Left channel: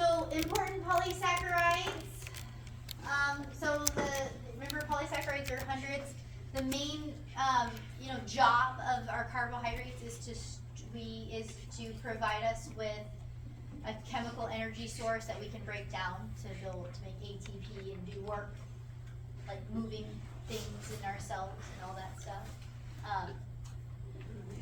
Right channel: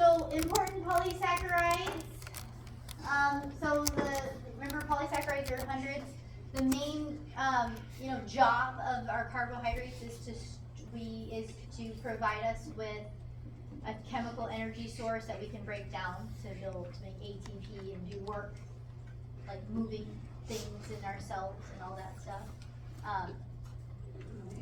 So important polysaccharides. Remember polysaccharides are hundreds. The main job of our carbohydrates is to provide us with a chemical energy source that we can break down to make ATP and do work like moving things in our cells and all that stuff.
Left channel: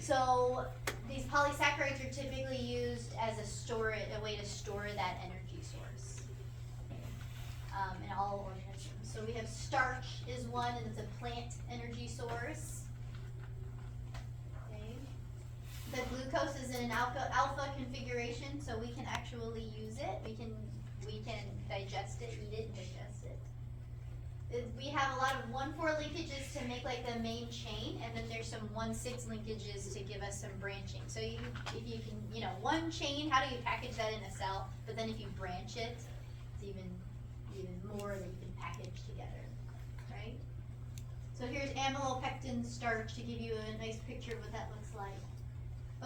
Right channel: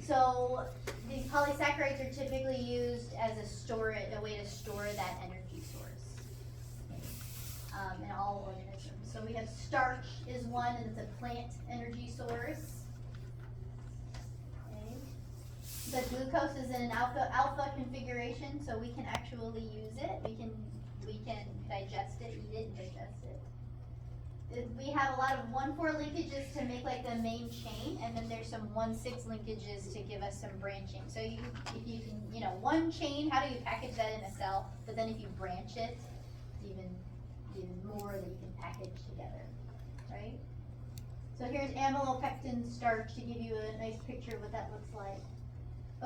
So these polysaccharides are typically used as a way to store that energy source in all organisms. So we have starch is one, and it's a plant energy source. Okay. The glucose is in an alpha configuration, so we can actually use it. We can digest it, eat it, and digest it. We have a lot of 1,4 linkages to make like the main chain, and then there's some 1,6 linkages to give us some branching. So if you can, one chain, how do you package that in a cell? But then if you branch it, it's even more that you can package together, right? So here's amylopectin starch to give you a nice picture of what that looks like.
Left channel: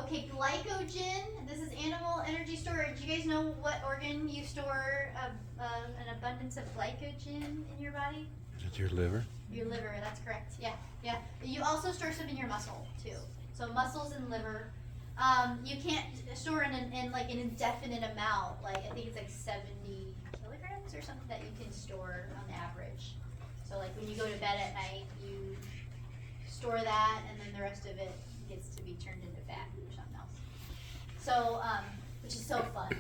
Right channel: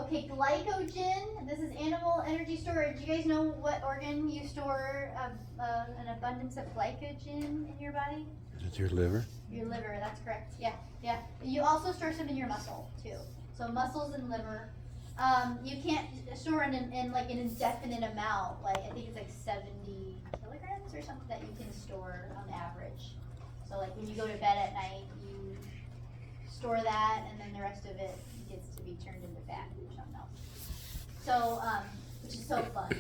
Okay, glycogen, this is animal energy storage. You guys know what organ you store an abundance of glycogen in your body? It's your liver. Your liver, that's correct. Yeah. You also store some in your muscle too. So muscles and liver. You can't store in like an indefinite amount. Like I think it's like 70 kilograms or something that you can store on average. So like when you go to bed at night, you store that, and then the rest of it gets to be turned into fat or something else. So, which is so fun.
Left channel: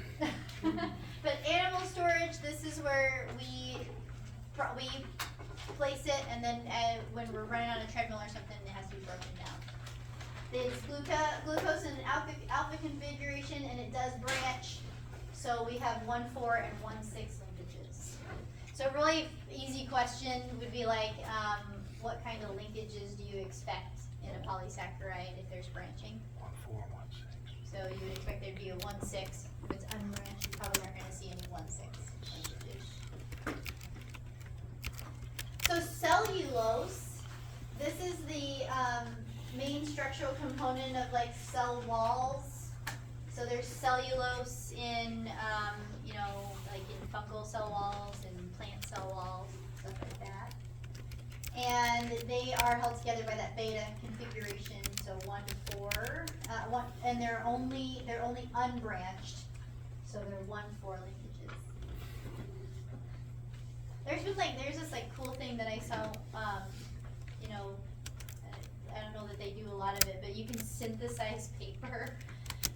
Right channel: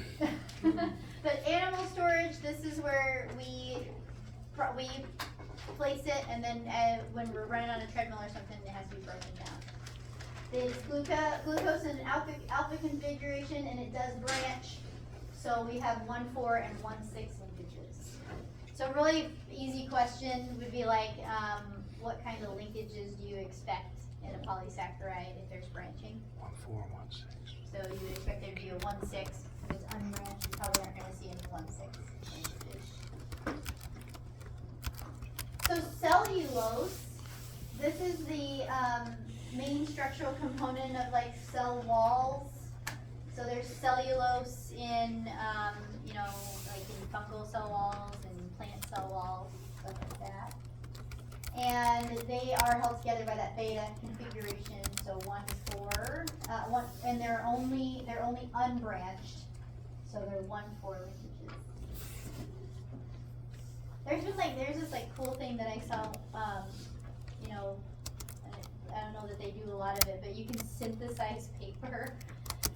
But animal storage, this is where we place it, and then when we're running on a treadmill or something, it has to be broken down. There's glucose in an alpha configuration, and it does branch. So we have 1,4 and 1,6 linkages. So a really easy question would be like, what kind of linkages do you expect in a polysaccharide if there's branching? 1,4, 1,6. So you would expect there to be a 1,6. If it's unbranched, you probably aren't going to see any 1,6 linkages. So cellulose, this is the main structural component of like cell walls. So there's cellulose in, like in fungal cell walls and plant cell walls, stuff like that. And they are held together by that beta configuration, so 1,4, and they're only unbranched, so they're 1,4 linkages. There's this like cool thing that I saw, I don't know that they do a lot of it, but you can synthesize paper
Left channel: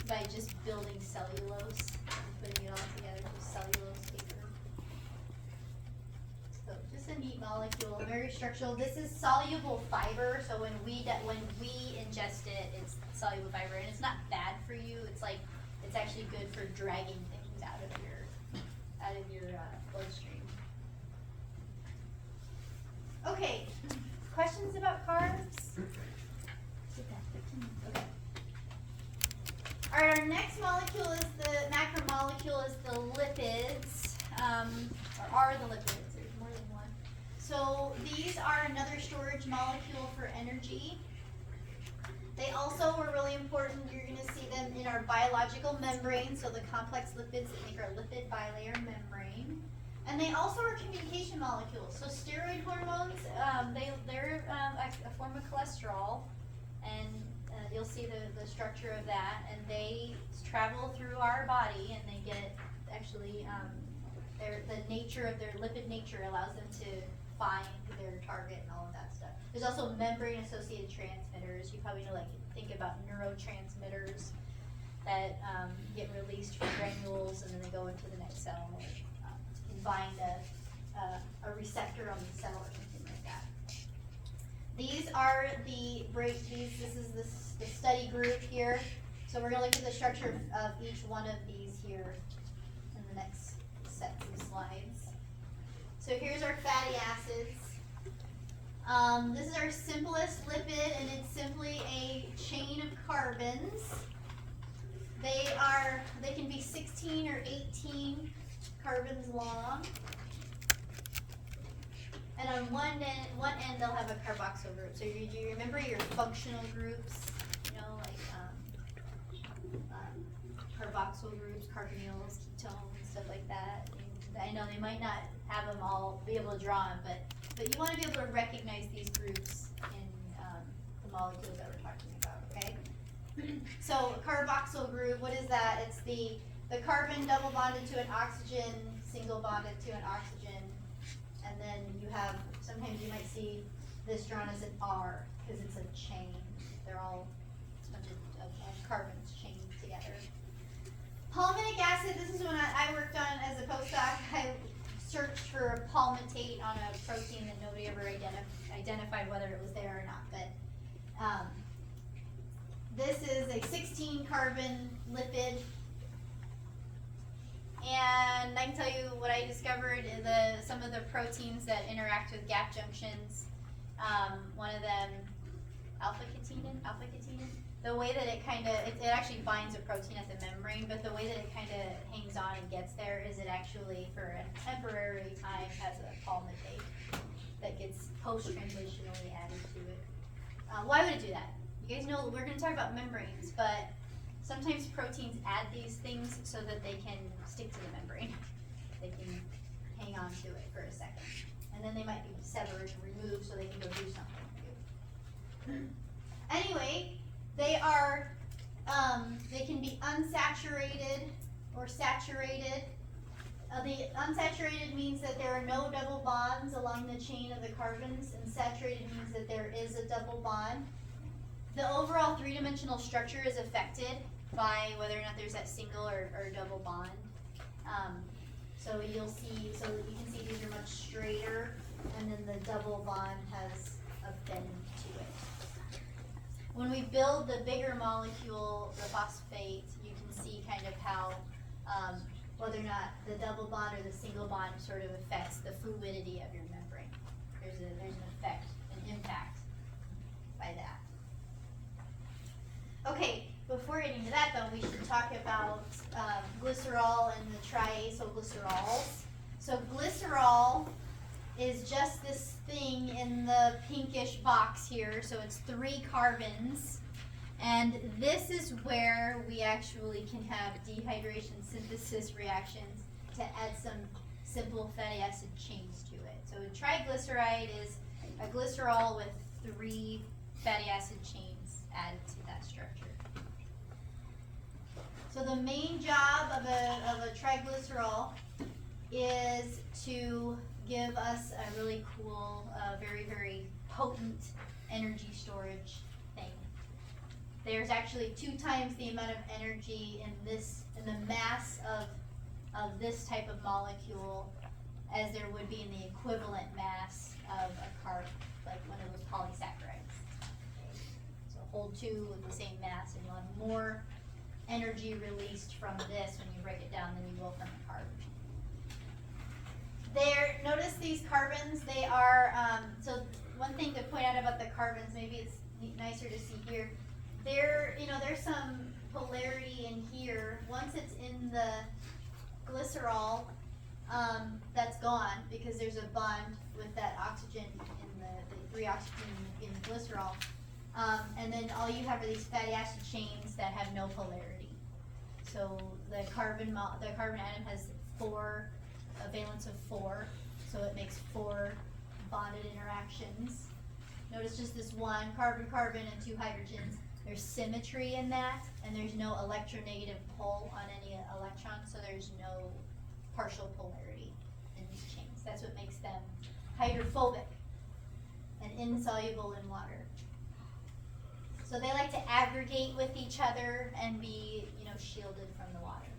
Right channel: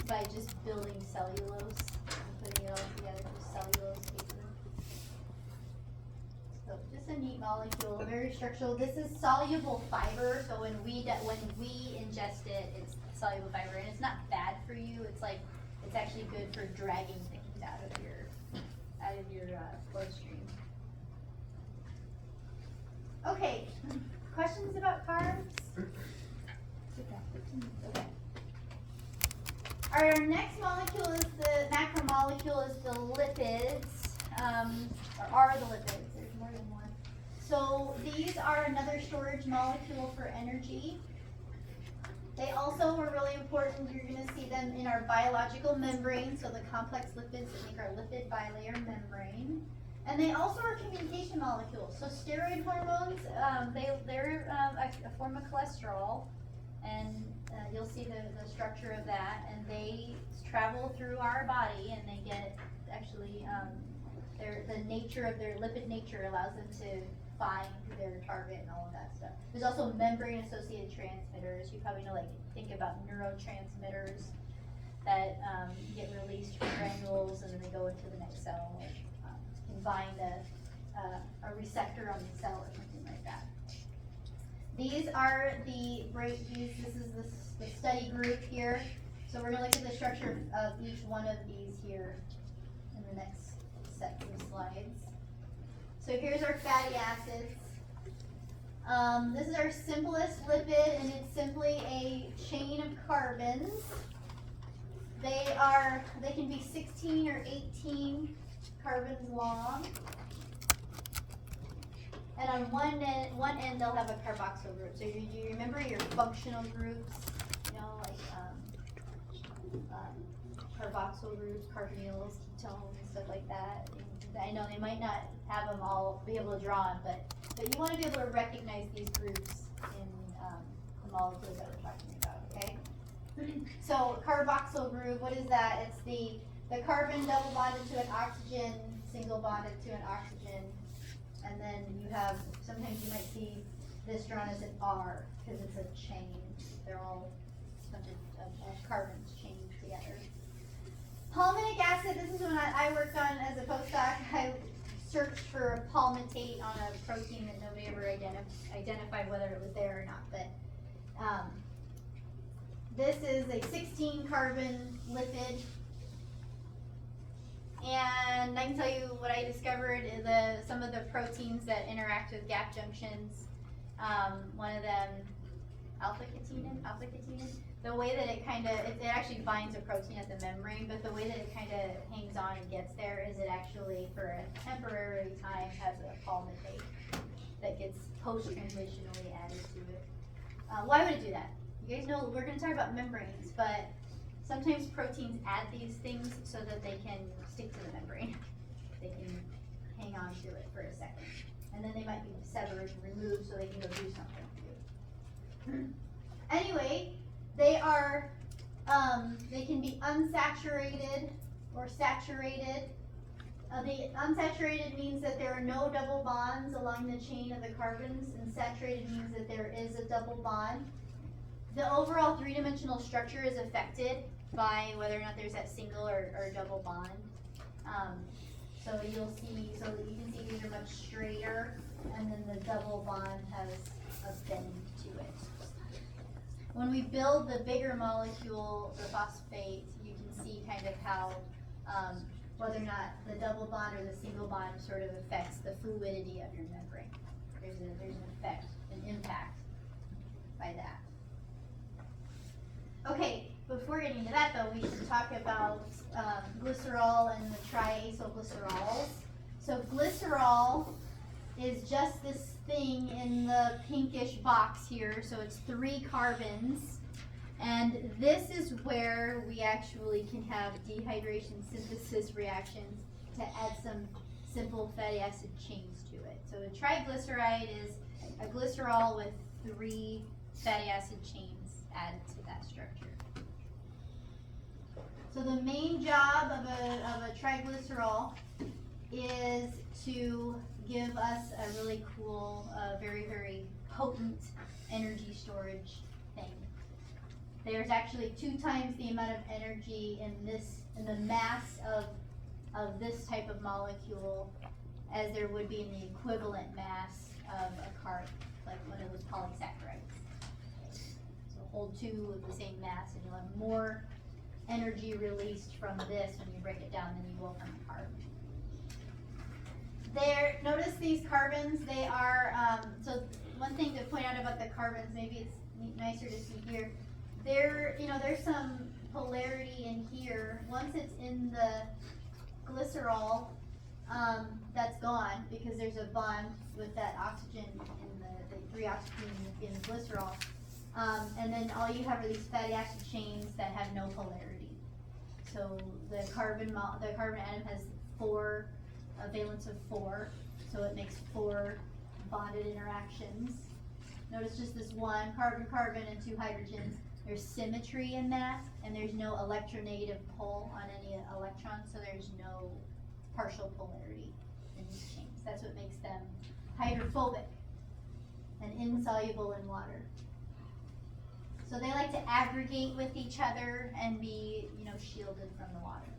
by just building cellulose and putting it all together with cellulose paper. So just a neat molecule, very structural. This is soluble fiber, so when we ingest it, it's soluble fiber, and it's not bad for you. It's actually good for dragging things out of your bloodstream. Okay, questions about carbs? Okay. All right, our next molecule is the macromolecule is the lipids, are the lipids. There's more than one. So these are another storage molecule for energy. They also were really important. You're going to see them in our biological membrane, so the complex lipids that make our lipid bilayer membrane. And they also are communication molecules. So steroid hormones, they're a form of cholesterol, and you'll see the structure of that, and they travel through our body, and they get actually the nature of their lipid nature allows them to find their target and all of that stuff. There's also membrane-associated transmitters. You probably know, like, think about neurotransmitters that get released from granules, and then they go into the next cell and bind a receptor on the cell or something like that. These are this is the study group here. So we're going to look at the structure of each one of these here in the next set of slides. So here's our fatty acids. This is our simplest lipid, and it's simply a chain of carbons. They can be 16 or 18 carbons long. And on one end they'll have a carboxyl group. So you remember your functional groups, like carboxyl groups, carbonyls, acetone and stuff like that. And I know they might not have them all be able to draw them, but you want to be able to recognize these groups in the molecules that we're talking about, okay? So carboxyl group, what is that? It's the carbon double bonded to an oxygen, single bonded to an oxygen, and then you have, sometimes you might see this drawn as an R, because it's a chain. They're all a bunch of carbons chained together. Palmitic acid, this is when I worked on as a postdoc. I searched for palmitate on a protein that nobody ever identified whether it was there or not, but this is a 16 carbon lipid. And I can tell you what I discovered is some of the proteins that interact with gap junctions. One of them, alpha-ketinin, the way that it actually binds a protein at the membrane, but the way that it kind of hangs on and gets there is it actually, for a temporary time, has a palmitate that gets post-transitionally added to it. Why would it do that? You guys know we're going to talk about membranes, but sometimes proteins add these things so that they can stick to the membrane. They can hang on to it for a second. And then they might be severed and removed so they can go do something. Anyway, they are, they can be unsaturated or saturated. The unsaturated means that there are no double bonds along the chain of the carbons, and saturated means that there is a double bond. The overall three-dimensional structure is affected by whether or not there's that single or double bond. So you'll see, so that you can see these are much straighter, and then the double bond has a bend to it. When we build the bigger molecule, the phosphate, you can see kind of how whether or not the double bond or the single bond sort of affects the fluidity of your membrane. There's an effect, an impact by that. Okay, before getting to that though, we should talk about glycerol and the triacylglycerols. So glycerol is just this thing in the pinkish box here, so it's 3 carbons. And this is where we actually can have dehydration synthesis reactions to add some simple fatty acid chains to it. So a triglyceride is a glycerol with 3 fatty acid chains added to that structure. So the main job of a triglycerol is to give us a really cool, very, very potent energy storage thing. There's actually 2 times the amount of energy in the mass of this type of molecule as there would be in the equivalent mass of a carb, like one of those polysaccharides. Okay. So hold 2 with the same mass, and you'll have more energy released from this when you break it down than you will from a carb. Notice these carbons, they are, so one thing to point out about the carbons, maybe it's nicer to see here, there's some polarity in here. Once it's in the glycerol, that's gone because there's a bond with that oxygen in the 3 oxygen in glycerol. And then all you have are these fatty acid chains that have no polarity. So the carbon atom has a valence of 4, so it makes 4 bonded interactions. Notice just this one carbon-carbon and 2 hydrogens. There's symmetry in that, and there's no electronegative pull on any electrons, so there's no partial polarity in these chains. That's what makes them hydrophobic and insoluble in water. So they like to aggregate with each other and be, shielded from the water.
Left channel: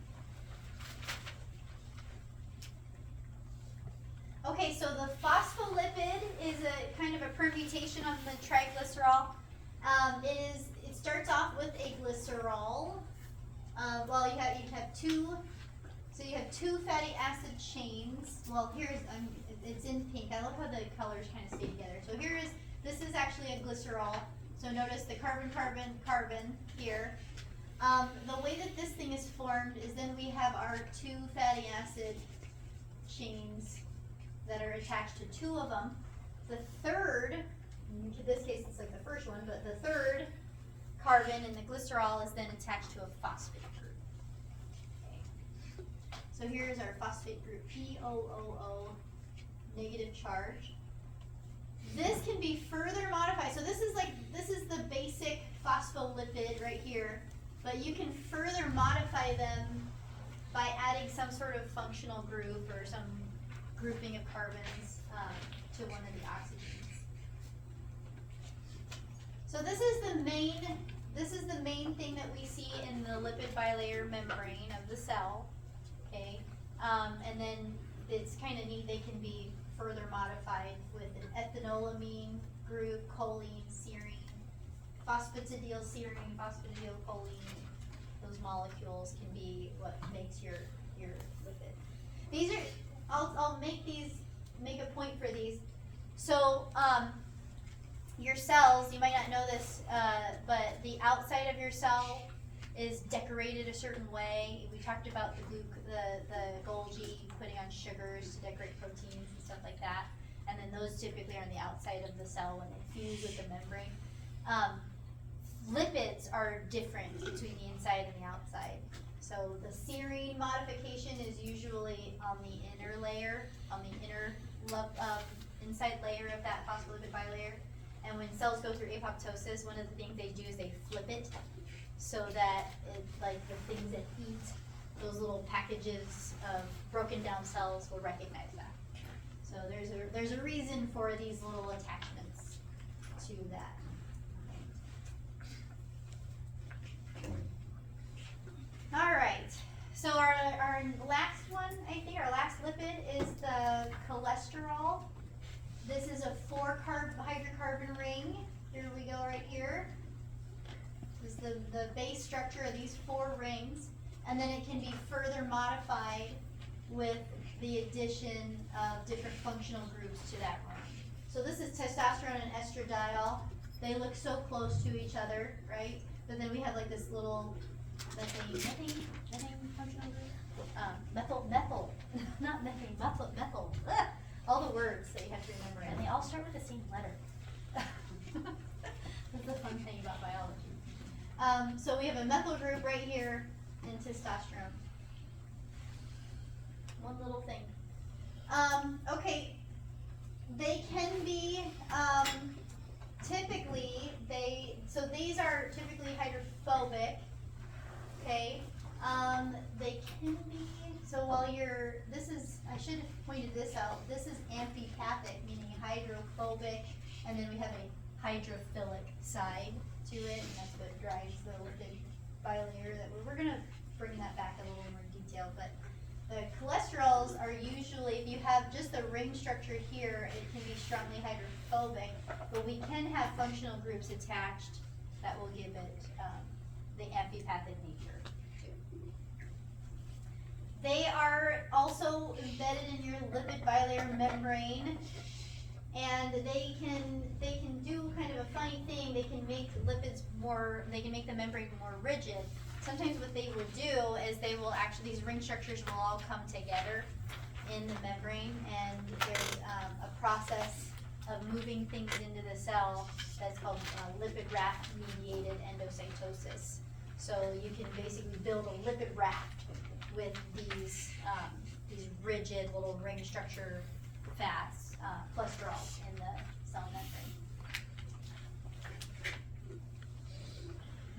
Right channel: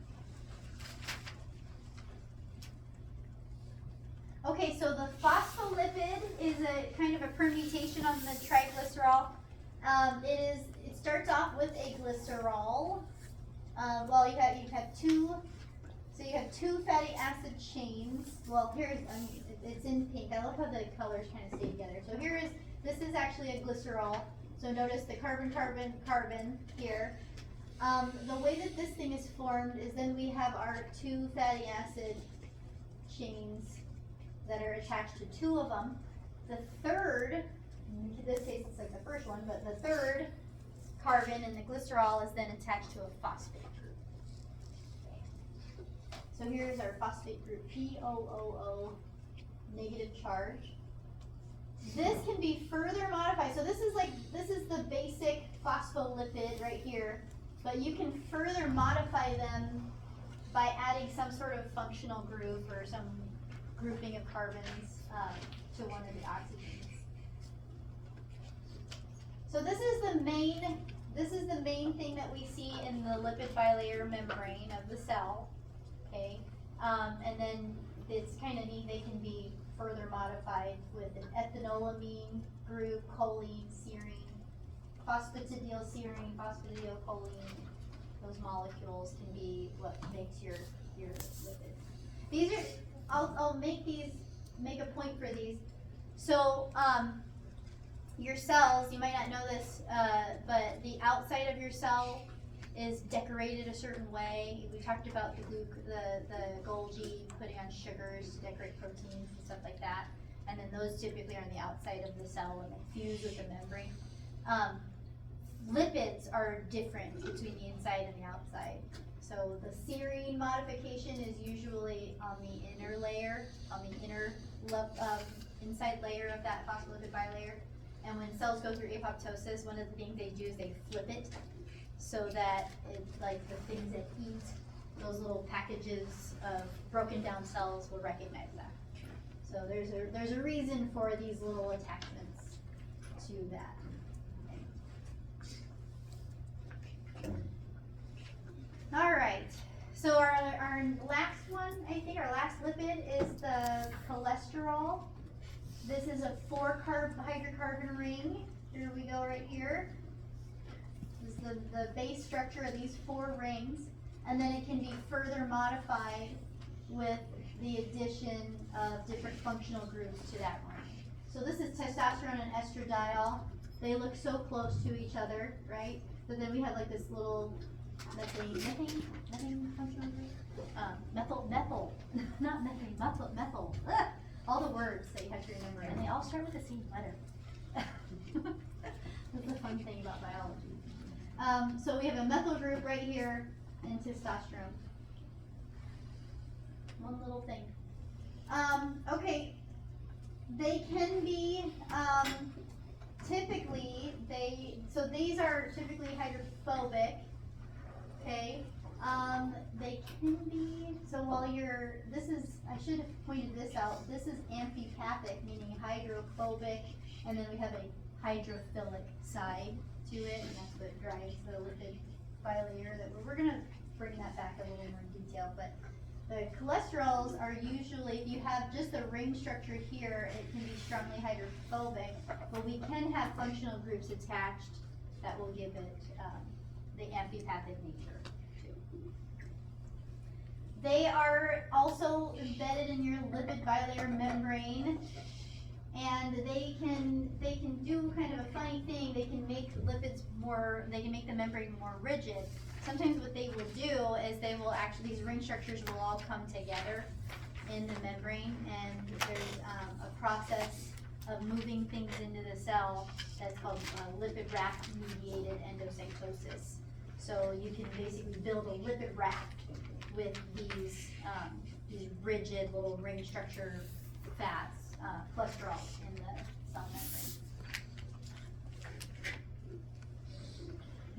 Okay, so the phospholipid is a kind of a permutation of the triglycerol. It starts off with a glycerol. Well, you have 2. So you have 2 fatty acid chains. Well, here's it's in pink. I love how the colors kind of stay together. So this is actually a glycerol. So notice the carbon here. The way that this thing is formed is then we have our 2 fatty acid chains that are attached to 2 of them. The third, in this case it's like the first one, but the third carbon in the glycerol is then attached to a phosphate group. Okay. So here's our phosphate group POOO, negative charge. This can be further modified. So this is the basic phospholipid right here, but you can further modify them by adding some sort of functional group or some grouping of carbons to one of the oxygens. So this is the main thing that we see in the lipid bilayer membrane of the cell. Okay, and then it's kind of neat. They can be further modified with an ethanolamine group, choline, serine, phosphatidylserine, phosphatidylcholine. Those molecules can be what makes your lipid. These are, I'll make a point for these. So your cells, you might not know this, but the outside of your cell is decorated a certain way. We talked about the Golgi putting on sugars to decorate proteins and stuff like that. And then those typically are on the outside of the cell when they fuse with the membrane. Lipids are different between the inside and the outside. So the serine modification is usually on the inner layer, on the inner inside layer of that phospholipid bilayer. And when cells go through apoptosis, one of the things they do is they flip it so that like the things that eat those little packages of broken down cells will recognize that. So there's a reason for these little attachments to that. All right, so our last one, I think our last lipid is the cholesterol. This is a 4-hydrocarbon ring. Here we go right here. This is the base structure of these 4 rings, and then it can be further modified with the addition of different functional groups to that ring. So this is testosterone and estradiol. They look so close to each other, right? But then we have like this little methane functional group? Methyl, not methane, methyl. Ugh. All the words that you have to remember, and they all start with the same letter. That's the fun thing about biology. So we have a methyl group right here in testosterone. One little thing. Okay, they can be, typically, so these are typically hydrophobic, okay? They can be, so while I should have pointed this out, this is amphipathic, meaning hydrophobic, and then we have a hydrophilic side to it, and that's what drives the lipid bilayer. We're going to bring that back a little more detail, but the cholesterols are usually, if you have just the ring structure here, it can be strongly hydrophobic, but we can have functional groups attached that will give it the amphipathic nature too. They are also embedded in your lipid bilayer membrane, and they can do kind of a funny thing. They can make lipids they can make the membrane more rigid. Sometimes what they will do is these ring structures will all come together in the membrane, and there's a process of moving things into the cell that's called lipid raft mediated endocytosis. So you can basically build a lipid raft with these rigid little ring structure fats, cholesterol in the cell membrane.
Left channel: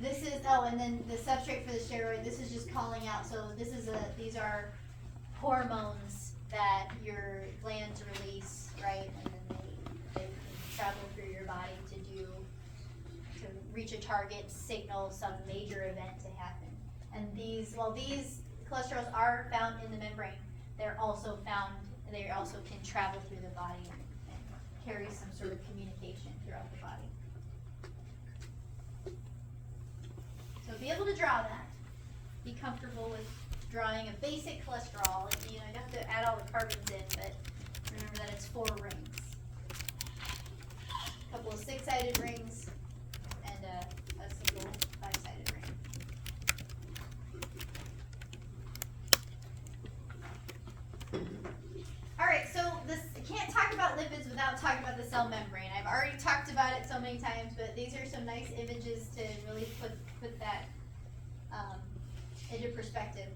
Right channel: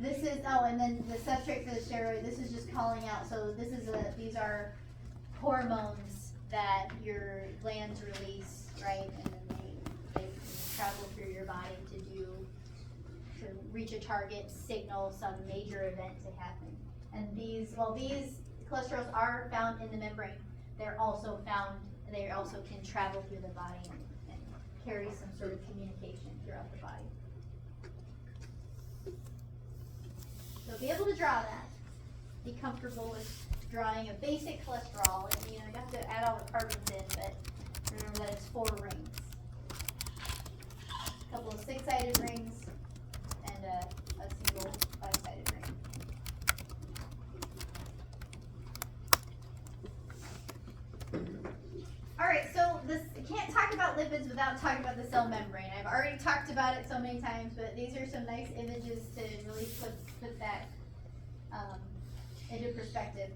This is, and then the substrate for the steroid, this is just calling out, so these are hormones that your glands release, right? And then they travel through your body to reach a target, signal some major event to happen. And these cholesterols are found in the membrane, they also can travel through the body and carry some sort of communication throughout the body. So be able to draw that. Be comfortable with drawing a basic cholesterol. And, you don't have to add all the carbons in, but remember that it's 4 rings. A couple of 6-sided rings and a single 5-sided ring. Alright, so I can't talk about lipids without talking about the cell membrane. I've already talked about it so many times, but these are some nice images to really put that into perspective.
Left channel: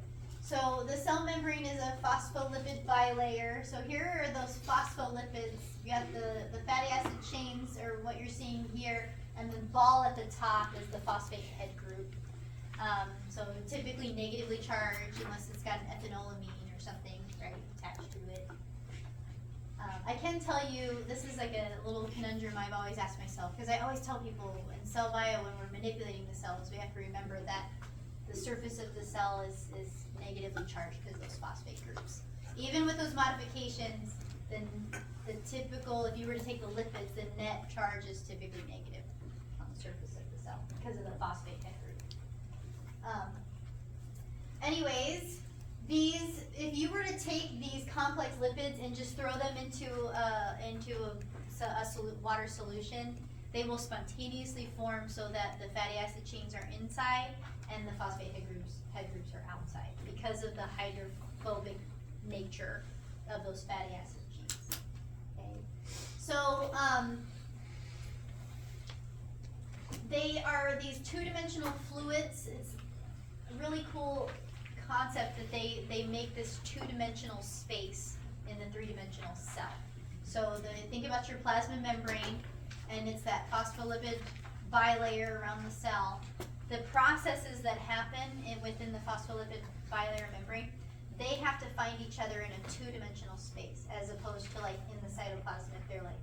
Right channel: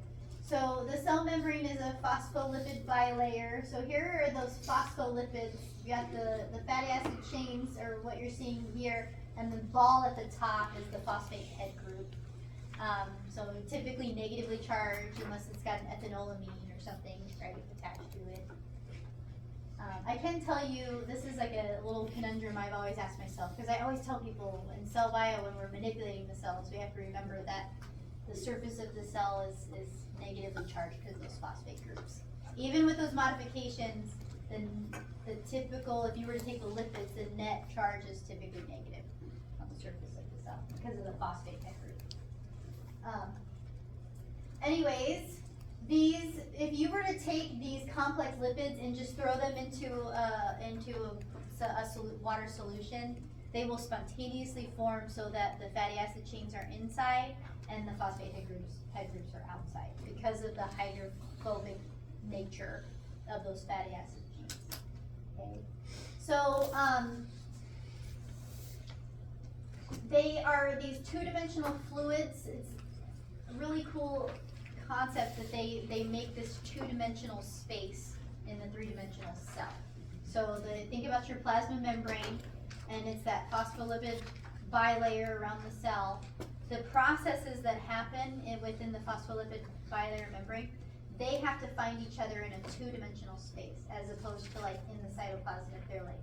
So the cell membrane is a phospholipid bilayer. So here are those phospholipids. You got the fatty acid chains, or what you're seeing here, and the ball at the top is the phosphate head group. So typically negatively charged unless it's got an ethanolamine or something, right, attached to it. I can tell you, this is like a little conundrum I've always asked myself, because I always tell people in cell bio when we're manipulating the cells, we have to remember that the surface of the cell is negatively charged because of those phosphate groups. Even with those modifications, then the typical, if you were to take the lipids, the net charge is typically negative on the surface of the cell because of the phosphate head group. Anyways, these, if you were to take these complex lipids and just throw them into a water solution, they will spontaneously form so that the fatty acid chains are inside and the phosphate head groups are outside because of the hydrophobic nature of those fatty acid chains. Okay, so they are these two-dimensional fluids. It's a really cool concept that they make this two-dimensional space in the three-dimensional cell. So think about your plasma membrane, and it's that phospholipid bilayer around the cell. The processes that happen within the phospholipid bilayer membrane, they have to find each other in a two-dimensional space, as opposed to like in the cytoplasm if they're like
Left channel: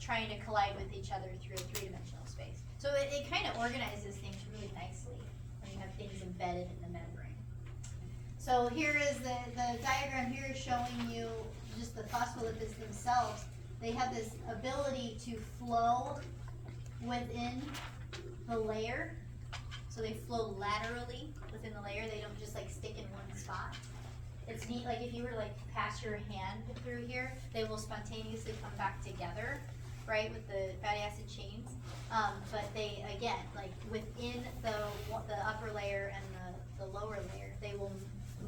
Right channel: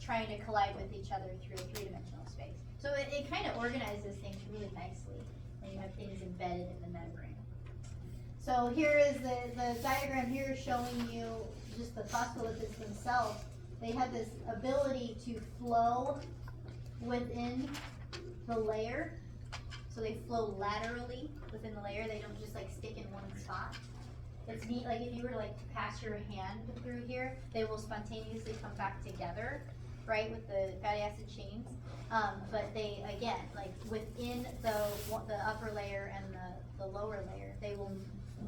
trying to collide with each other through a three-dimensional space. So it kind of organizes things really nicely when you have things embedded in the membrane. So here is the diagram here showing you just the phospholipids themselves. They have this ability to flow within the layer. So they flow laterally within the layer. They don't just like stick in one spot. It's neat, like if you were to like pass your hand through here, they will spontaneously come back together, right, with the fatty acid chains. But they, again, like within the upper layer and the lower layer, they will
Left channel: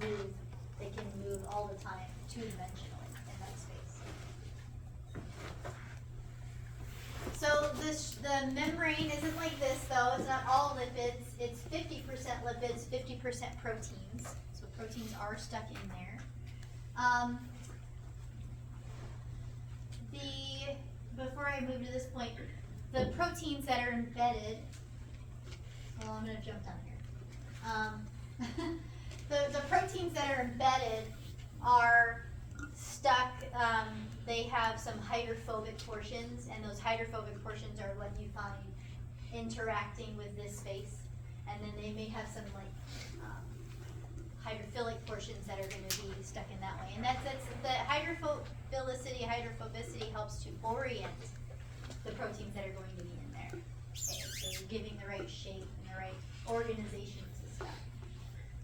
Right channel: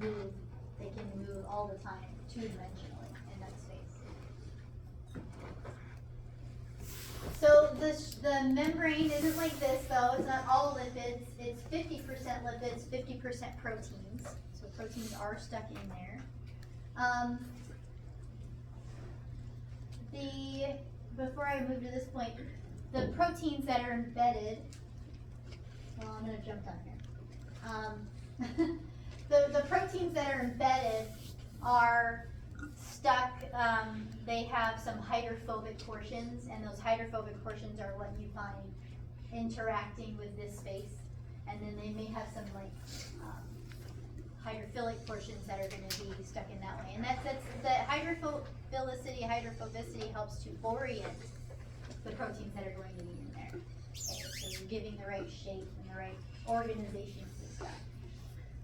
move, they can move all the time, two-dimensionally in that space. So the membrane isn't like this though, it's not all lipids, it's 50% lipids, 50% proteins. So proteins are stuck in there. Before I move to this point, the proteins that are embedded, well, I'm gonna jump down here. The proteins that are embedded are stuck, they have some hydrophobic portions, and those hydrophobic portions are what you find interacting with this space. And then they may have some like hydrophilic portions that are going to be stuck in that way. And that's the hydrophobicity helps to orient the proteins that are going to be in there. Okay, so you're giving the right shape and the right organization to stuff.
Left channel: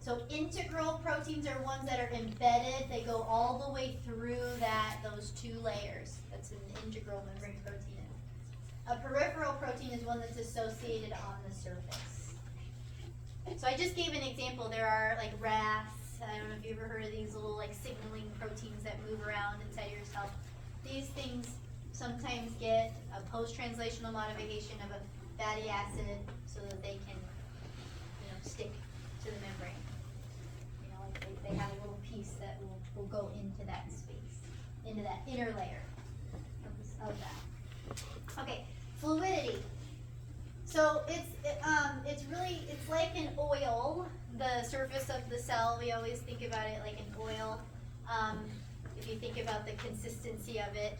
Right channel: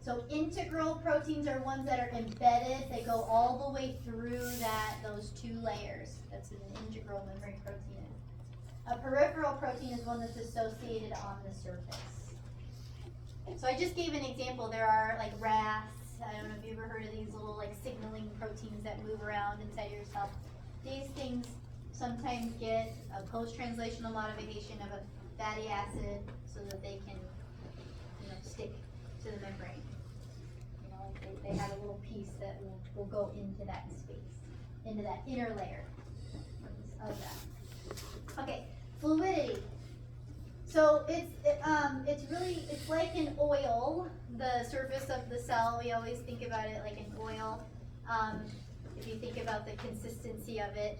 So integral proteins are ones that are embedded. They go all the way through those two layers. That's an integral membrane protein. A peripheral protein is one that's associated on the surface. So I just gave an example. There are like RAS. I don't know if you've ever heard of these little like signaling proteins that move around inside your cell. These things sometimes get a post-translational modification of a fatty acid so that they can, stick to the membrane. They have a little piece that will go into that space, into that inner layer of that. Okay, fluidity. So it's like an oil, the surface of the cell. We always think about it like an oil. If you think about the consistency of it,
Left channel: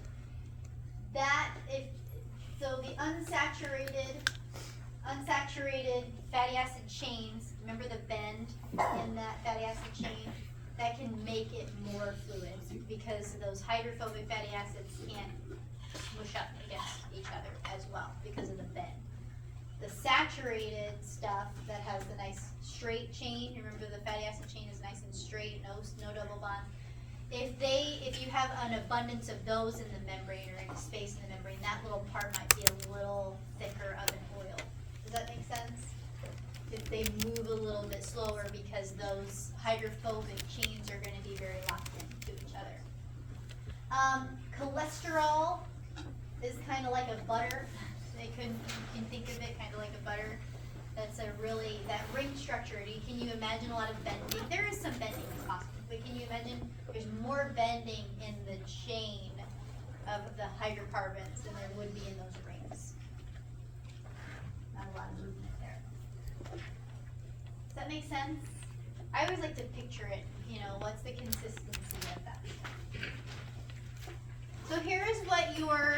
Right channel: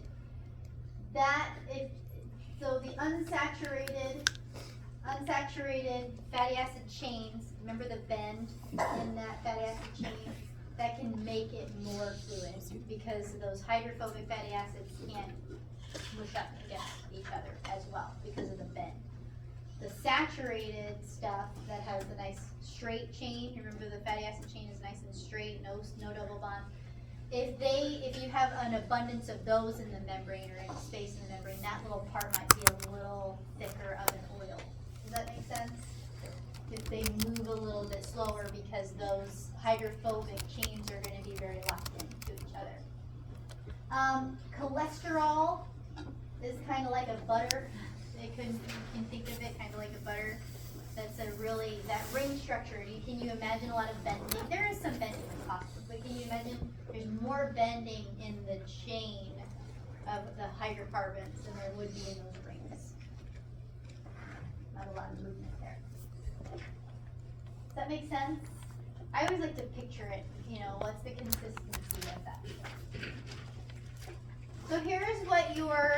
so the unsaturated fatty acid chains, remember the bend in that fatty acid chain, that can make it more fluid because those hydrophobic fatty acids can't smush up against each other as well because of the bend. The saturated stuff that has the nice straight chain, remember the fatty acid chain is nice and straight, no double bond. If you have an abundance of those in the membrane or in a space in the membrane, that little part might be a little thicker of an oil. Does that make sense? If they move a little bit slower because those hydrophobic chains are going to be very locked into each other. Cholesterol is kind of like a butter. You can think of it kind of like a butter. That's a really, that ring structure, can you imagine a lot of bending? There is some bending in phosphorus, but can you imagine there's more bending in the chain of the hydrocarbons than there would be in those rings? Not a lot of movement there. Does that make sense? I always like to picture it, what's the consistency of that? So here's what your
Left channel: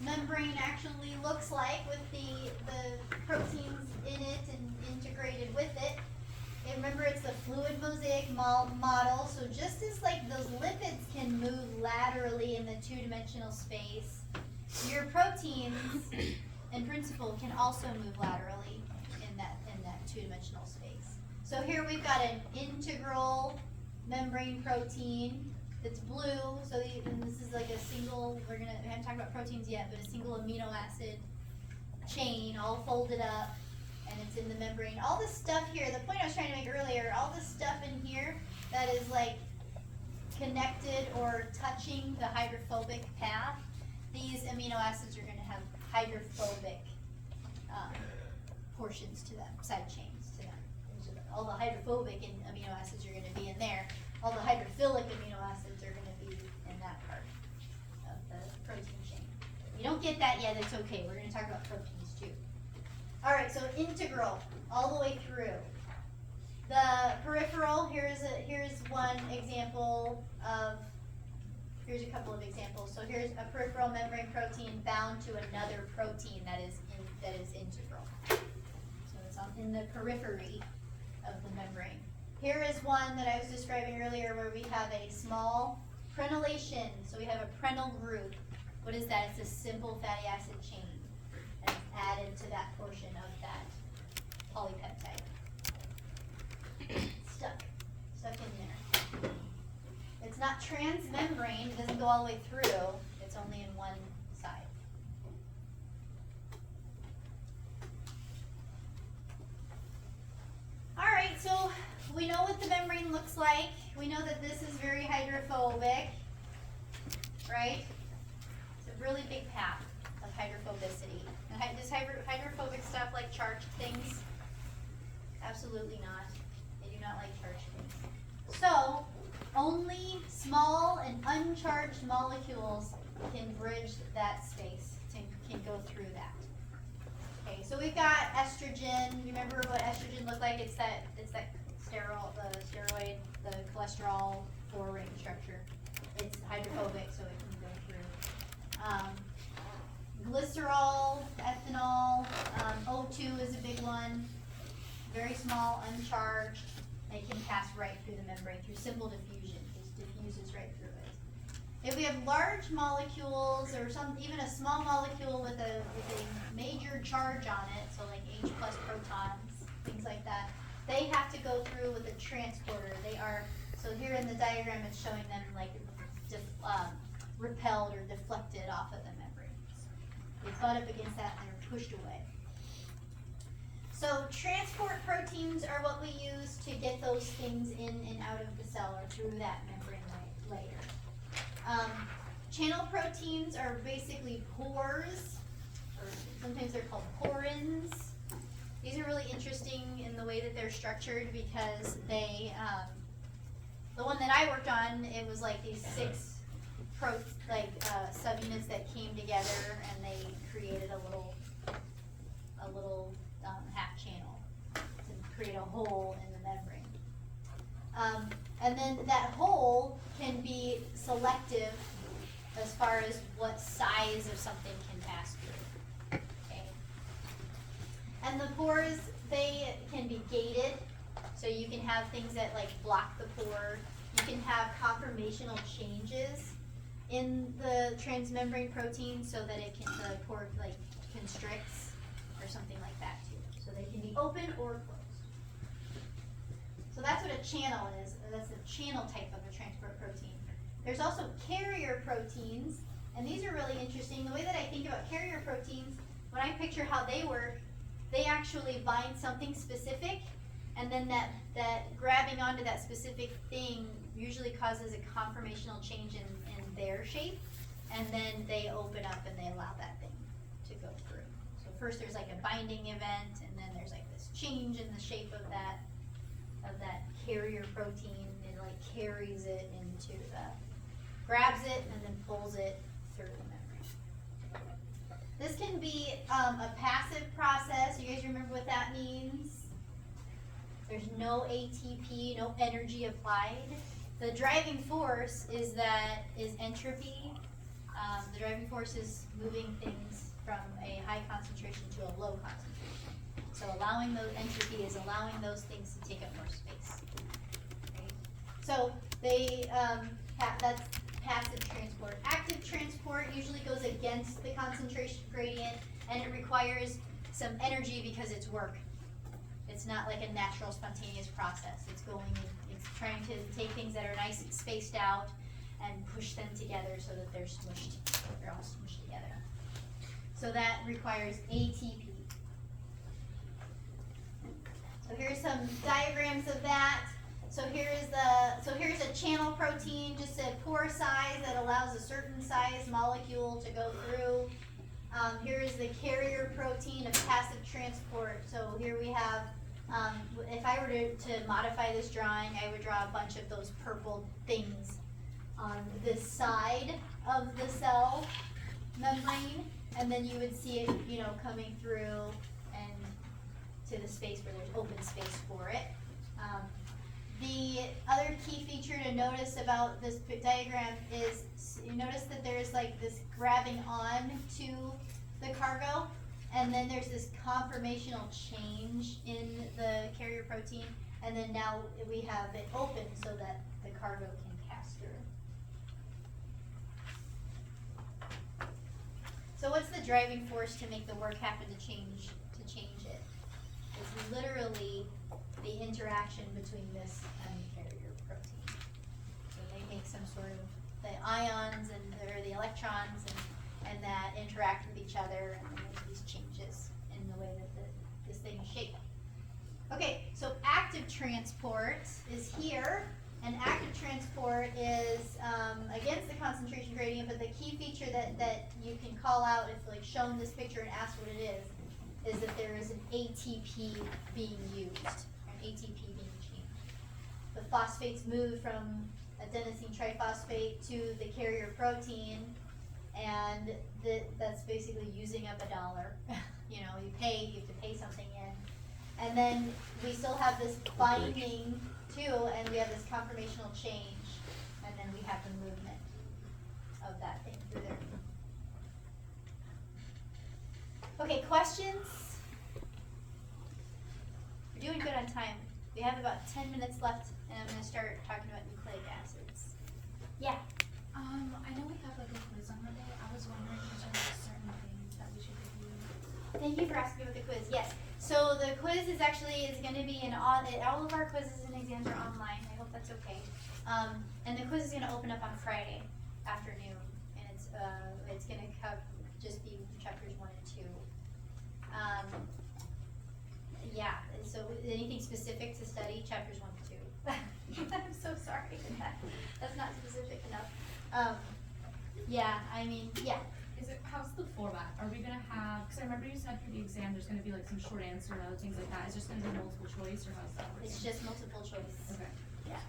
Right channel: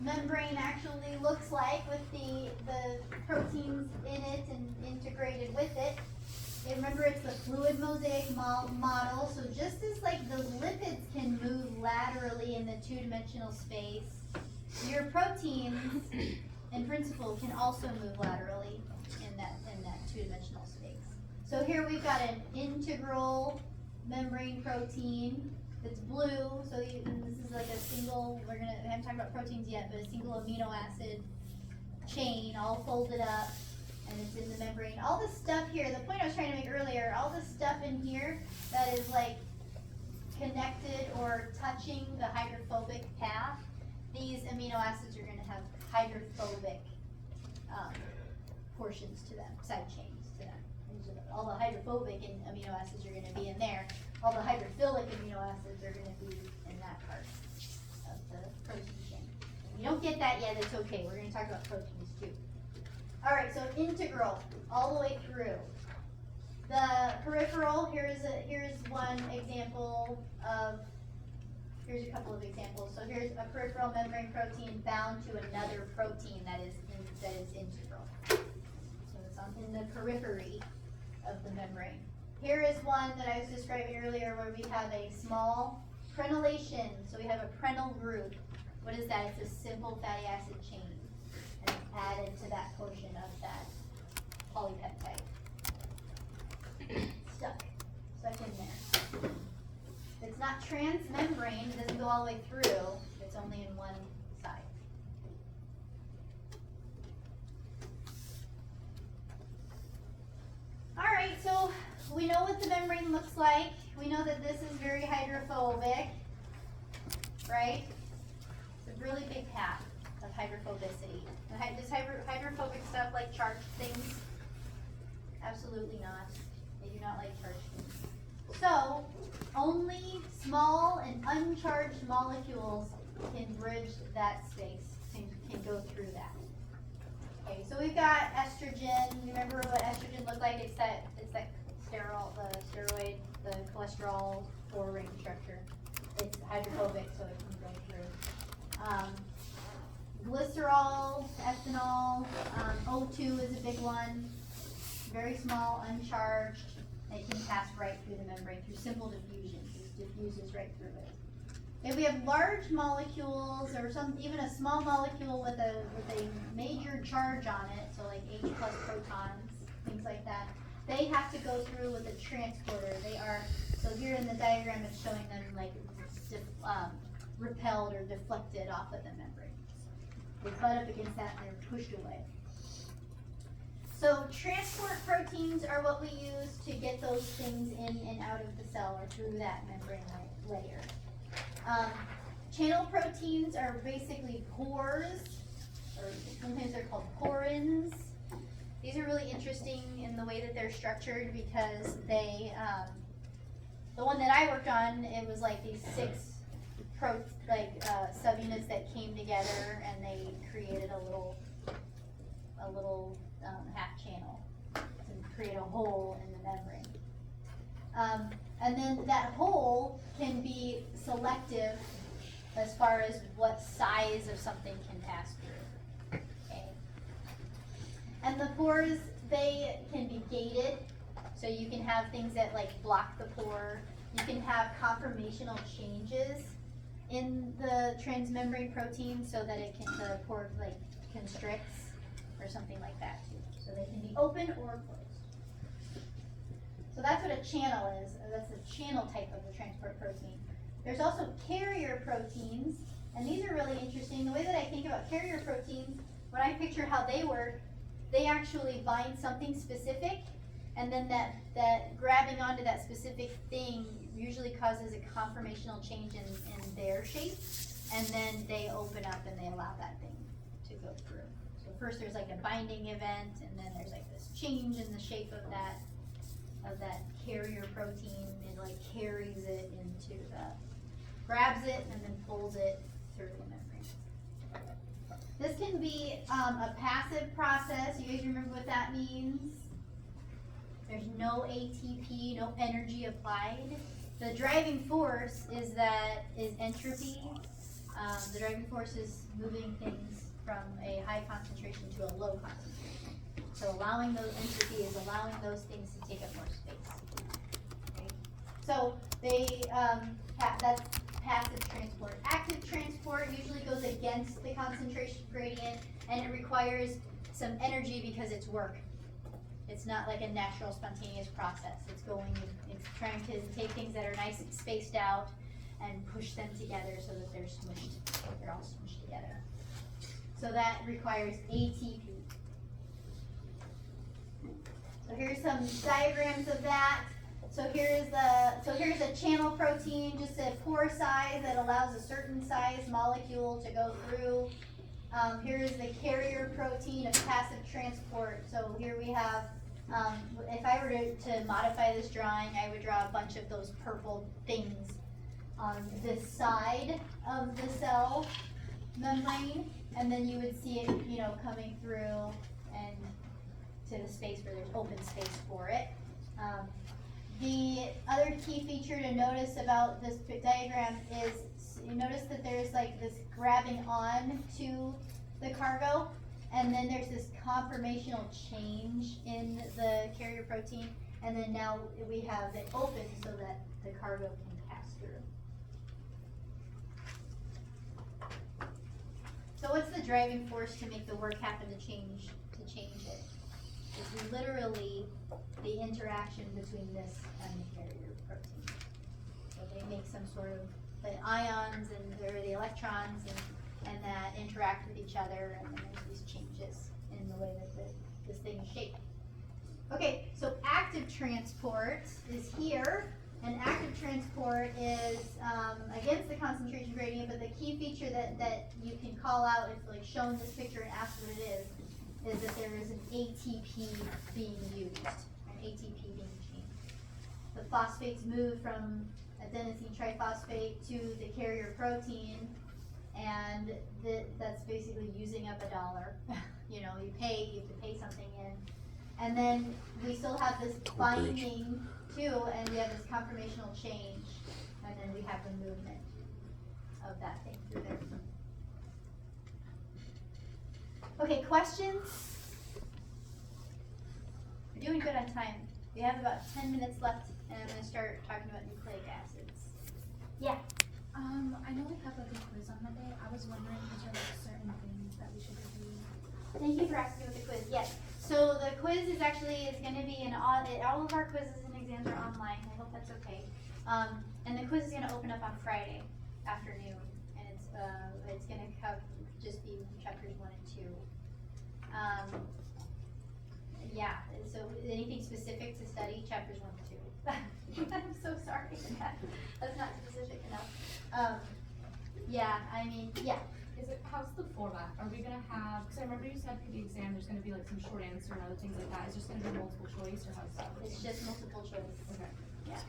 membrane actually looks like with the proteins in it and integrated with it. And remember, it's the fluid mosaic model, so just as like those lipids can move laterally in the two-dimensional space, your proteins in principle can also move laterally in that two-dimensional space. So here we've got an integral membrane protein that's blue, so this is like a single, we haven't talked about proteins yet, but a single amino acid chain all folded up, and it's in the membrane. All this stuff here, the point I was trying to make earlier, all this stuff in here that is like connected or touching the hydrophobic path, these amino acids are gonna have hydrophobic portions to them, side chains to them. All the hydrophobic amino acids are gonna be in there. All the hydrophilic amino acids are gonna be in that part of the protein chain. If you don't get that yet, it's okay. We're gonna talk about proteins too. All right, so integral all the way through. The peripheral, here's one example of, here's a couple of examples. So here's a peripheral membrane protein bound to another protein that is integral. So it's in the periphery of the membrane. Here is one that I was describing earlier where we have a small prenylation. So we have a prenyl group. What is that? It's a simple fatty acid chain. And it's added to that portion of that polypeptide. Stuck in there. It's not transmembrane, it doesn't go all the way through, it's only in one side. Alright, so we know what the membrane looks like. We know that this is very hydrophobic, right? It's a really big path of hydrophobicity. And does hydrophobic stuff like charged things? Absolutely not. They do not like charged things. So, only small and uncharged molecules can bridge that space, can go through that. Okay, so we've got estrogen. You remember what estrogen looked like? It's that steroid, the cholesterol 4-ring structure. It's hydrophobic, so it can go through. Glycerol, ethanol, O2 is a big one. Very small, uncharged. They can pass right through the membrane through simple diffusion. It diffuses right through it. If we have large molecules or even a small molecule with a major charge on it, so like H+ protons, things like that, they have to go through with a transporter. So here in the diagram it's showing them like repelled or deflected off of the membrane. They butt up against that and they're pushed away. So transport proteins are what we use to get those things in and out of the cell or through that membrane layer. Channel proteins are basically pores, or sometimes they're called porins. These are really interesting in the way that they're structured because they, the one that I worked on, it was like these 6 subunits that came together and they created a little half channel to create a hole in the membrane. And then that hole can be selective as far as what size of something can pass through. Okay. And the pores, they can be gated, so you can have things that like block the pore. You can have conformational changes in the transmembrane protein so that the pore like constricts or something like that too. So they can be open or closed. So that's what a channel is. That's a channel type of a transport protein. There's also carrier proteins, and these are really interesting. The way that I think about carrier proteins, when I picture how they work, they actually bind something specific, and then that grabbing onto that specific thing usually causes a conformational change in their shape, and then they open up and they allow that thing to go through. So first there's like a binding event, and then there's like this change in the shape of that carrier protein. It like carries it into grabs it and then pulls it through the membrane. This can be a passive process. You guys remember what that means? There's no ATP, no energy applied. The driving force is entropy. The driving force is moving things from a high concentration to a low concentration. So allowing those entropy is allowing those things to take up more space. Okay? So that's passive transport. Active transport usually goes against the concentration gradient, and it requires some energy because it's work. It's not like a natural spontaneous process. It's trying to take things that are nice and spaced out and push them together so that they're smushed. They're all smushed together. So that requires ATP. So here's some diagrams of that. So here's a channel protein, just a pore size that allows a certain size molecule to go through. Here's the carrier protein of passive transport. So here we have, if I were to modify this drawing, I would draw a bunch of those purple things on this side of the cell membrane, and then you would see it, coming through and to the space where there's open space for it. The other key feature to notice about this diagram is you notice that there is like this grabbing on to the cargo, and then there's this conformational change in the carrier protein, and then now we have it open so that the cargo can pass through. So what's the driving force to make the work happen to change it? It's literally the interaction between this and the carrier protein. So they make some sort of the ions or the electrons and that interact with each other, and then there's these changes in the way that this thing is shaped. Okay, so active transport is here, and active transport is against the concentration gradient, but the key feature that you can call out if like shown this picture and ask what it is that there is an ATP being used, an ATP being changed. The phosphates move from adenosine triphosphate to the carrier protein, and that's basically using up $1. You have to pay something in. And then we still have this binding too, and we have this conformational change, and then we have the movement of that thing through there. Okay, questions? We're doing good on time. We have about 10 minutes left, and I'm going to start talking about nucleic acids. Yeah? I know we have like a quiz on Monday. I was wondering if there are certain things that we should review. Thank you for asking about the quiz. Yes. So the quiz is going to be all of our quizzes and exams are online. I hope that's okay. And the quiz is going to open up on Friday afternoon, and it's going to just be chapters 1 and 2. Yeah. So anything specific to study, chapters 1 and 2. I'm so sorry. That's not specific enough. Yeah. How's the format? Are we gonna have, because I remember you said for the exam there's gonna be like some short answer and other things like that. Is it just gonna be multiple choice, or how's that work? It's just multiple choice. Okay. Yeah.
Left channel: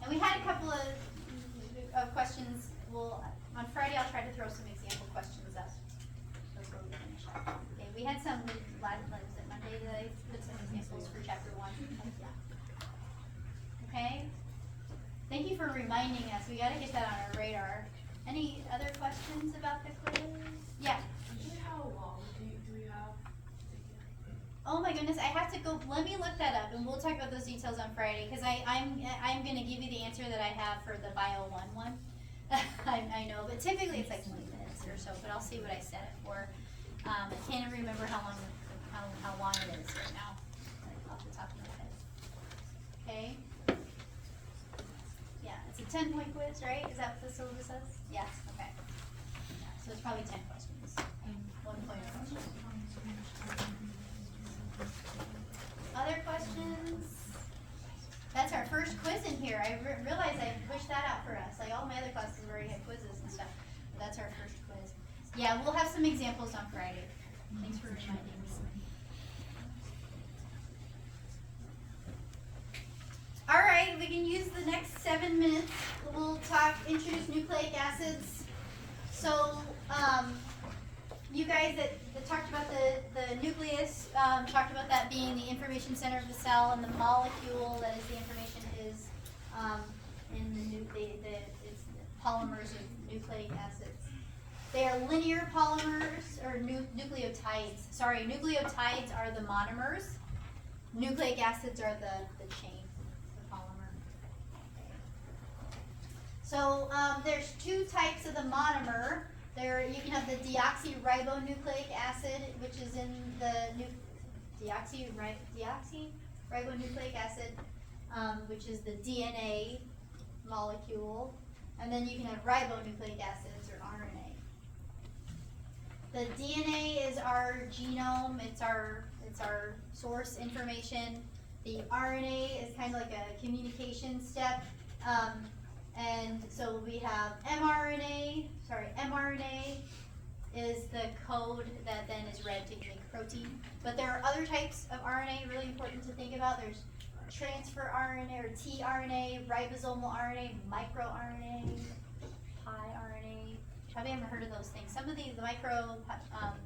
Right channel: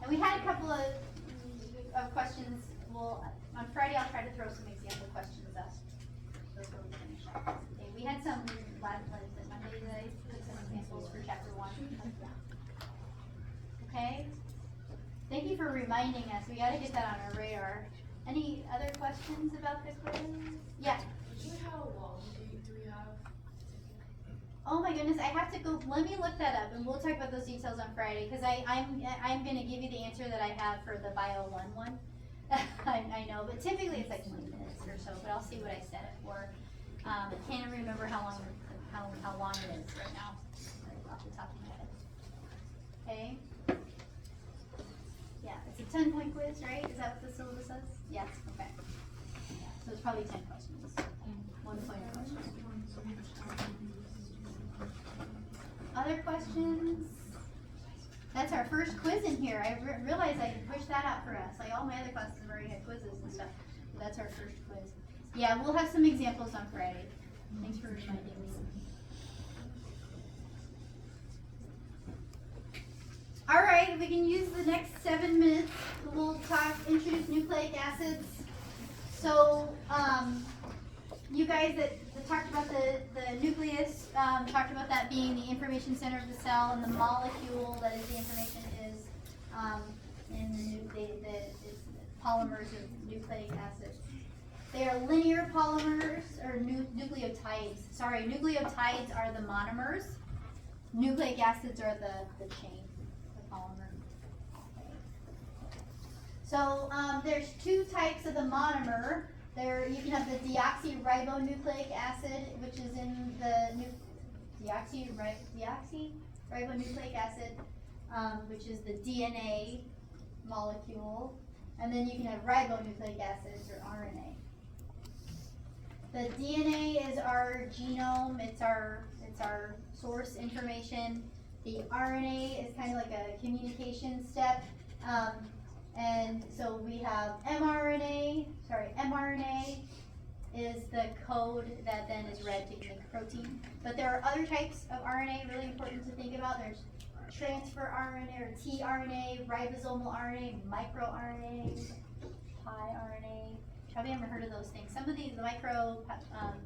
And we had a couple of questions. Well, on Friday I'll try to throw some example questions up before we finish up. Okay, we had some live plays on Monday that I put some examples for chapter 1. Okay. Thank you for reminding us. We gotta get that on our radar. Any other questions about the quiz? Yeah. How long do we have? Oh my goodness, I have to go. Let me look that up, and we'll talk about those details on Friday. Because I'm going to give you the answer that I have for the Bio 1 one. I know, but typically it's like 20 minutes or so. But I'll see what I set it for. I can't even remember how long it is right now, like off the top of my head. Okay. Yeah, it's a 10-point quiz, right? Is that what the syllabus says? Yes. Okay. Yeah, so it's probably 10 questions. 1 point per question. Other questions? That's our first quiz in here. I realized I pushed that out for us. Like all my other classes already had quizzes and stuff. But that's our first quiz. Yeah, we'll have some examples on Friday. Thanks for reminding me. All right, we can use the next 7 minutes. We'll introduce nucleic acids. So, you guys that talked about the nucleus, talked about that being the information center of the cell, and the molecule that is the information is in it's polymers of nucleic acids. They are linear polymers, or nucleotides. Sorry, nucleotides are the monomers. Nucleic acids are the chain, the polymer. Okay. So there's two types of the monomer. You can have the deoxyribonucleic acid, which is in the deoxyribonucleic acid, which is the DNA molecule, and then you can have ribonucleic acids or RNA. The DNA is our genome; it's our source information. The RNA is kind of like a communication step. And so we have mRNA is the code that then is read to make protein. But there are other types of RNA really important to think about. There's transfer RNA or tRNA, ribosomal RNA, microRNA, piRNA. Probably haven't heard of those things. Some of these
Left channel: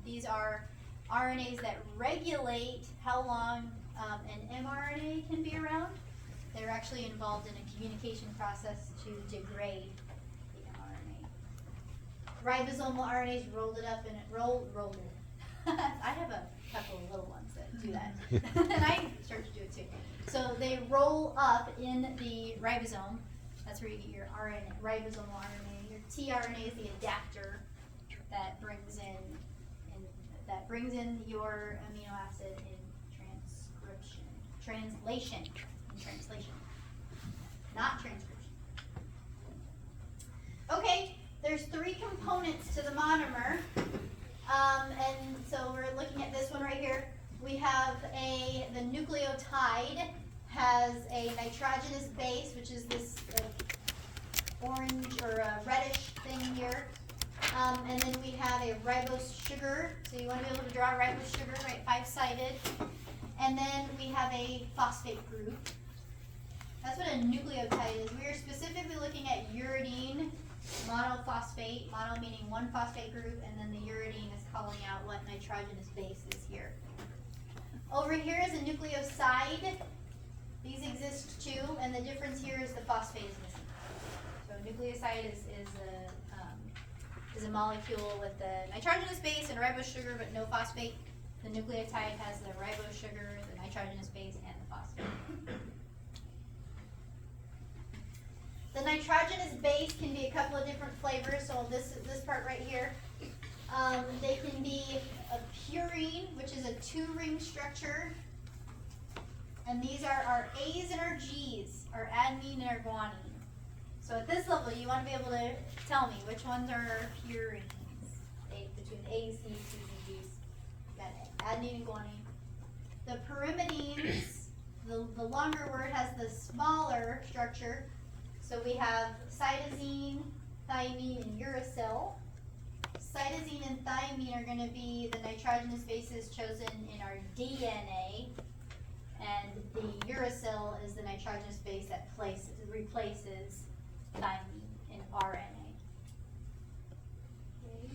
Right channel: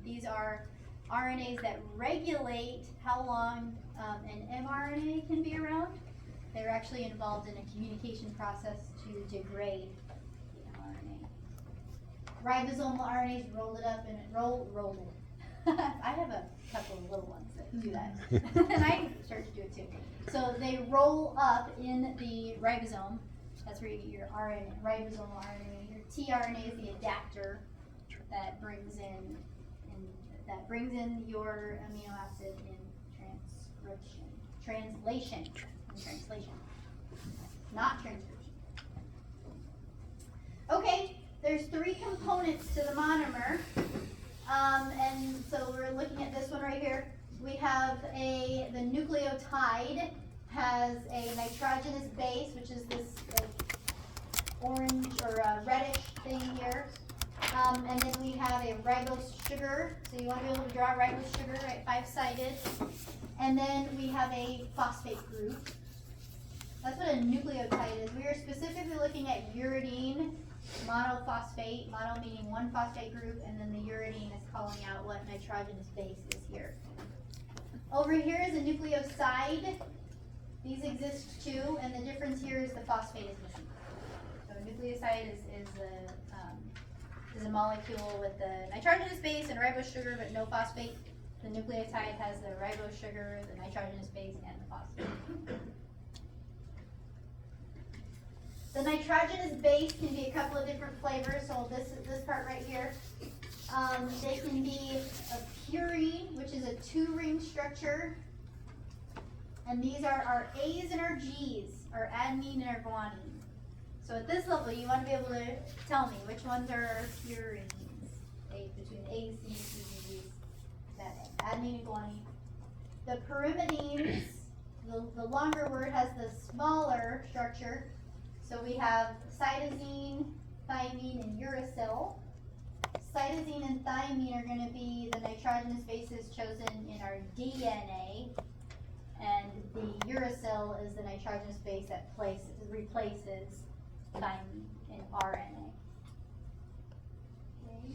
these are RNAs that regulate how long an mRNA can be around. They're actually involved in a communication process to degrade the mRNA. Ribosomal RNAs roll it up and roll it. I have a couple of little ones that do that. And I start to do it too. So they roll up in the ribosome. That's where you get your RNA, ribosomal RNA. Your tRNA is the adapter that brings in your amino acid in translation, not transcription. Okay, there's 3 components to the monomer, and so we're looking at this one right here. We have the nucleotide has a nitrogenous base, which is this orange or reddish thing here. And then we have a ribose sugar. So you want to be able to draw a ribose sugar, right, 5-sided. And then we have a phosphate group. That's what a nucleotide is. We are specifically looking at uridine monophosphate, mono meaning one phosphate group, and then the uridine is calling out what nitrogenous base is here. Over here is a nucleoside. These exist too, and the difference here is the phosphate is missing. So a nucleoside is a molecule with the nitrogenous base and ribose sugar, but no phosphate. The nucleotide has the ribose sugar, the nitrogenous base, and the phosphate. The nitrogenous base can be a couple of different flavors. So this part right here, they can be a purine, which is a 2-ring structure. And these are our A's and our G's, our adenine and our guanine. So at this level, you want to be able to tell me which ones are purines. Between A's, C's, C's, and G's. Got adenine and guanine. The pyrimidines, the longer word has the smaller structure. So we have cytosine, thymine, and uracil. Cytosine and thymine are going to be the nitrogenous bases chosen in our DNA. And the uracil is the nitrogenous base that replaces thymine in RNA. Okay.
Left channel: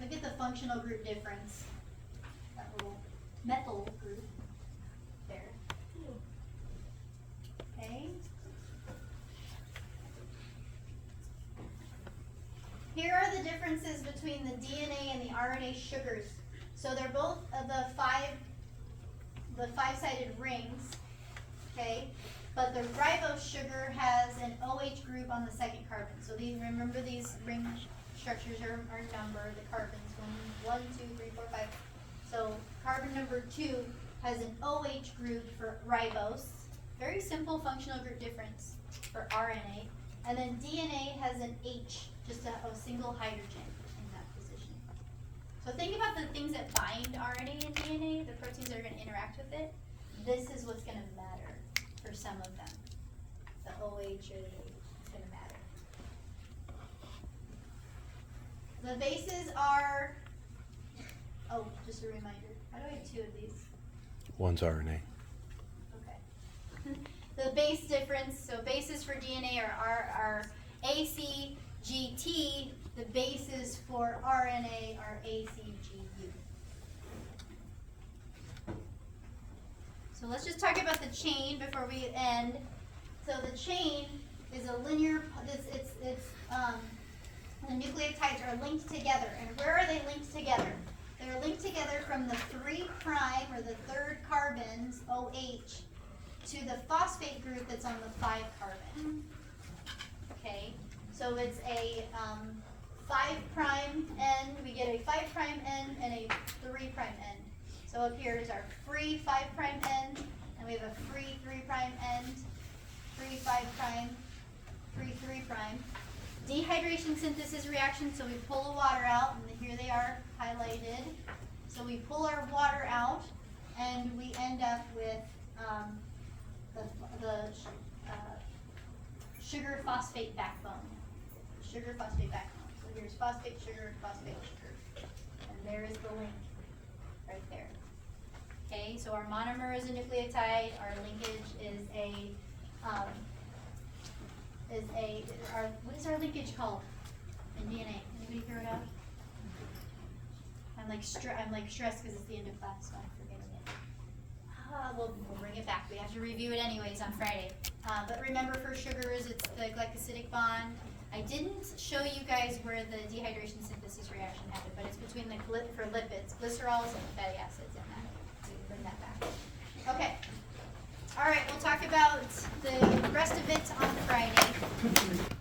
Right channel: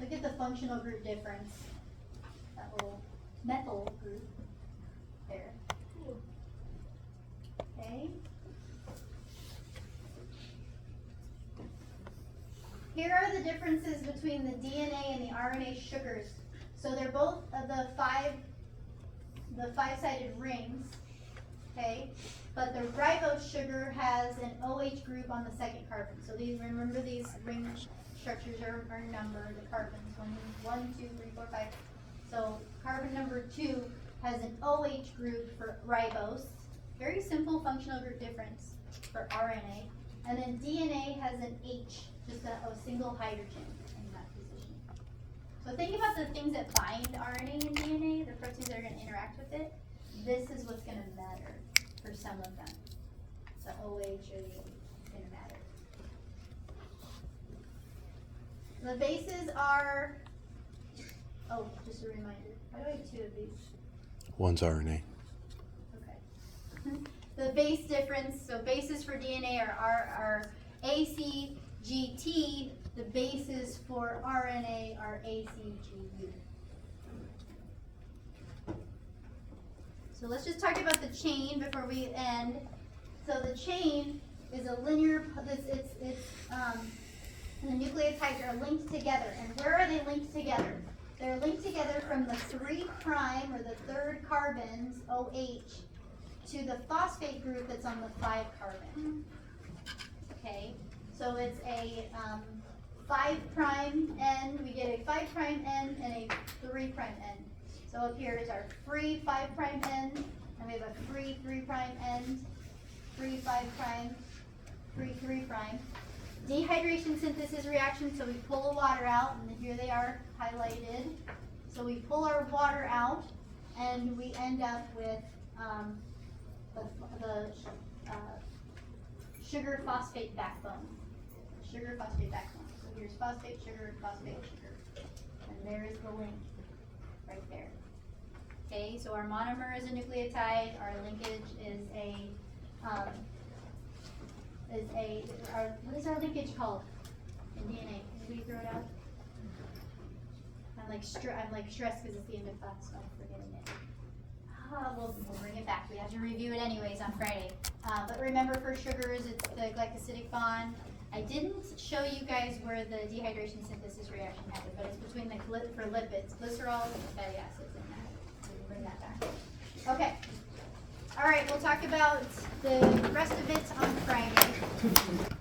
Look at the functional group difference. That little methyl group there. Okay. Here are the differences between the DNA and the RNA sugars. So they're both the 5-sided rings, okay? But the ribose sugar has an OH group on the second carbon. So remember these ring structures are numbered, the carbons, 1, 2, 3, 4, 5. So carbon number 2 has an OH group for ribose. Very simple functional group difference for RNA. And then DNA has an H, just a single hydrogen in that position. So think about the things that bind RNA and DNA, the proteins that are going to interact with it. This is what's going to matter for some of them. The OH or the H is going to matter. The bases are Oh, just a reminder. Why do I have two of these? One's RNA. Okay. The base difference, so bases for DNA are ACGT, the bases for RNA are ACGU. So let's just talk about the chain before we end. So the chain is a linear, the nucleotides are linked together. And where are they linked together? They're linked together from the 3' or the third carbons, OH, to the phosphate group that's on the 5 carbon. Okay, so it's a 5' end, we get a 5' end and a 3' end. So up here is our free 5' end, and we have a free 3' end, free 5', free 3'. Dehydration synthesis reaction, so we pull the water out, and here they are highlighted. So we pull our water out, and we end up with the sugar phosphate backbone. Sugar phosphate backbone. So here's phosphate, sugar, and there is the link right there. Okay, so our monomer is a nucleotide. Our linkage is what is our linkage called in DNA? Did we throw it out? I'm like stressed because it's the end of class, so I'm forgetting it. We'll bring it back. We have to review it anyways on Friday. But remember, for sugars, it's the glycosidic bond. I didn't show you guys where the dehydration synthesis reaction happened, but it's between for lipids, glycerols and fatty acids in that. So we bring that back. Okay. All right, we'll talk about the rest of it on Friday.